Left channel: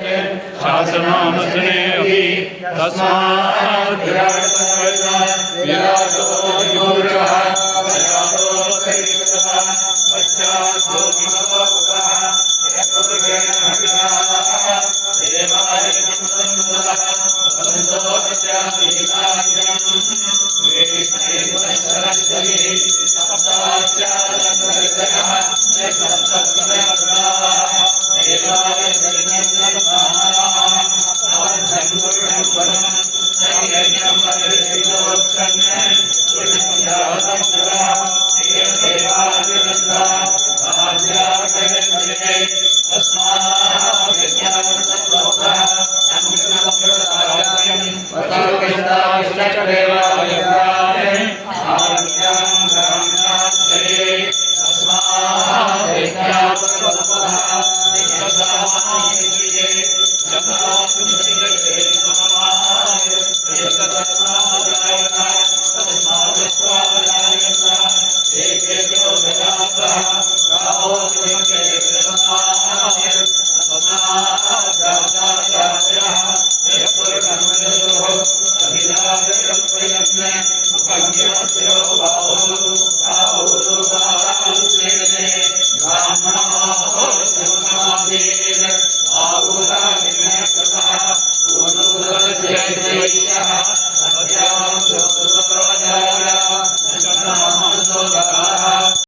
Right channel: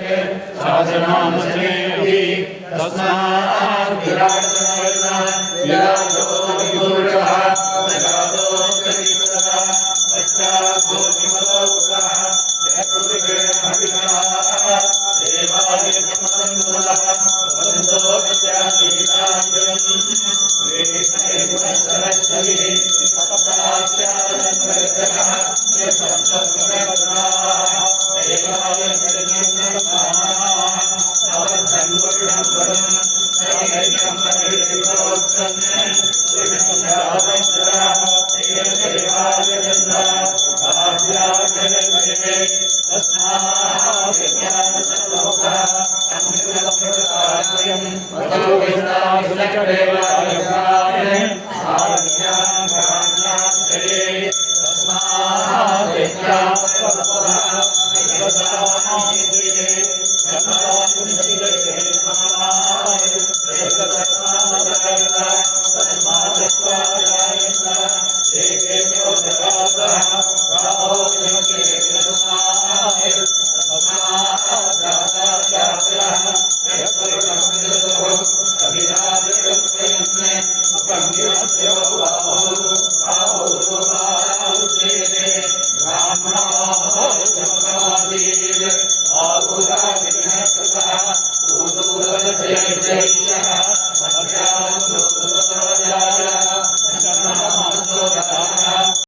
शासनामस्मे अपि तस्मात् विराटो विभूरिवः विराटो चरित्रः पश्चात् भूमिमलोकः पुरुषेण हविषाः देवाय नमः वदन्तो विद्यादिकार्यम् वेष्णैवशरश्चरिः सप्तास्यालङ्करितयः सप्तस्मृताः देवाय श्रीनन्दनाः अवधन्मुषम् नैयज्ञम् नैषितोक्षन्ने पुरुषञ्जातन्त्रः देवाय आद्यावचरन्ये तस्मात् विज्ञानसर्वभः अमृतमृतसारथ्यम् वदोविष्टाभिषक्देवाय आज्ञां भराण्याश्रये तस्मात् विज्ञानसर्वभः विश्वसामान्ये जगदान्विषये समाय एकतस्मादायत तस्मादस्वादायत एकेभ्यो जगातः गावो विमुखे तस्माय तस्मादादायाः यत्पुरुषमृतोः अभिधाभिरप्रयत्ने उपज्ञास्यो बाहुः ब्राह्मणो